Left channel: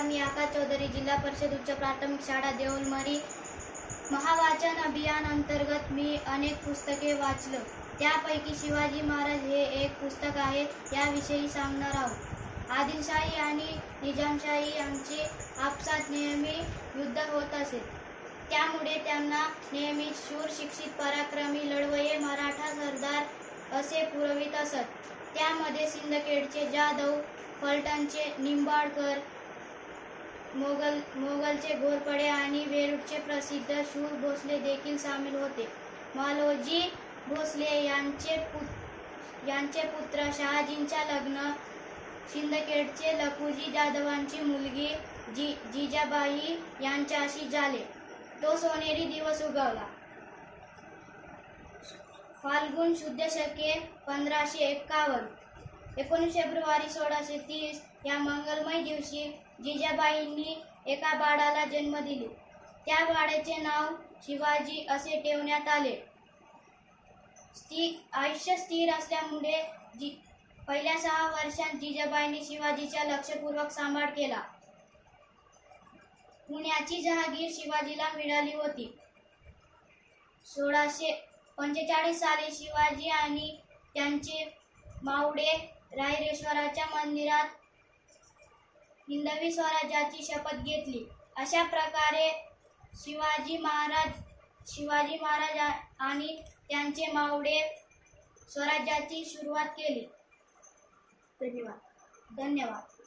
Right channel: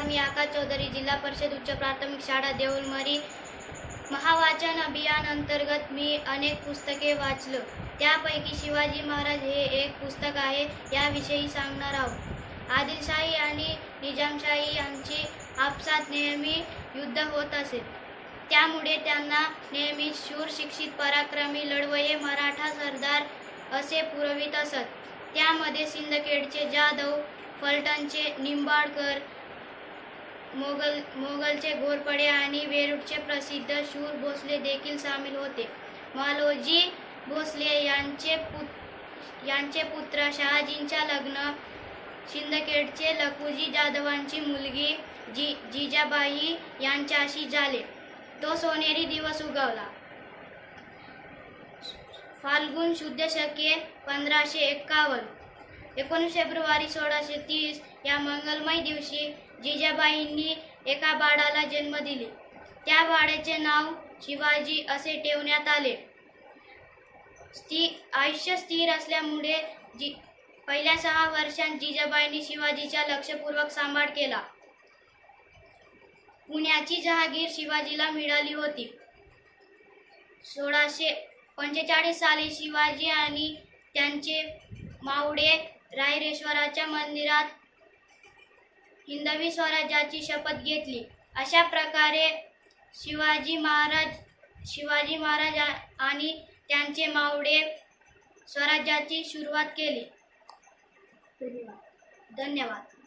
नमस्कार मी आकाश चौधरी जिल्हा परिषद उच्च प्राथमिक शाळा देऊलमरी महावाचन अभियान अंतर्गत मी अनेक पुस्तके वाचलं. त्यापैकी शिवाजी महाराज हे एक पुस्तक आहे याविषयी सांगणार आहोत. आदिलशाही आणि निजामशाही यांची आपसात नेहमी युद्ध होत असे. त्यामुळे त्यांना नेहमी शूर शिक्षित पराक्रमी लढवये मराठा सरदार असे पुरवित असत. त्यामध्ये सिंदखेडचे जाधव फलटणचे निंबाळकर मोगल मोगलचे घोरपडे आणि वेरूळचे प्रसिद्ध शूर भोसले देखील सामील होते. मालोजी भोसले यांचे पुत यांचे पुत्र शहाजींच्या लग्न शिंदखेडचे लखुजी जाधवांची मुलगी जी जिजाबाई यांच्याशी झाले. तो सोनेरी दिवस उगवला. फाल्गुन शुद्ध शके पंधराशे एक्कावन्न. एकोणीस फेब्रुवारी सोळाशे तीस या मंगलमय दिवशी जिजाबाईंनी एका बाळाला जन्म दिले. त्या बाळाचे नाव शिवाजी असे ठेवण्यात आले. स्थिर आयुष्य स्थिर असल्यामुळे जी पहिल्या सहा वर्षांत जिजाबाईंनी शिवाजीचा लक्षपूर्वक सांभाळ केला. पुण्याची जहागीर शिवाजीला मिळाली होती. सोळाशे पंचेचाळीस साली शिवाजी आणि त्यांचे मावडे रायरेश्वराच्या मंदिरात हिंदवी स्वराज्याची शपथ घेतली. अशा प्रकारे शिवाजी महाराज शिवाजी महाराज आणि त्यांचे मावडे स्वराज्याची सुरुवात केली. धन्यवाद. धन्यवाद.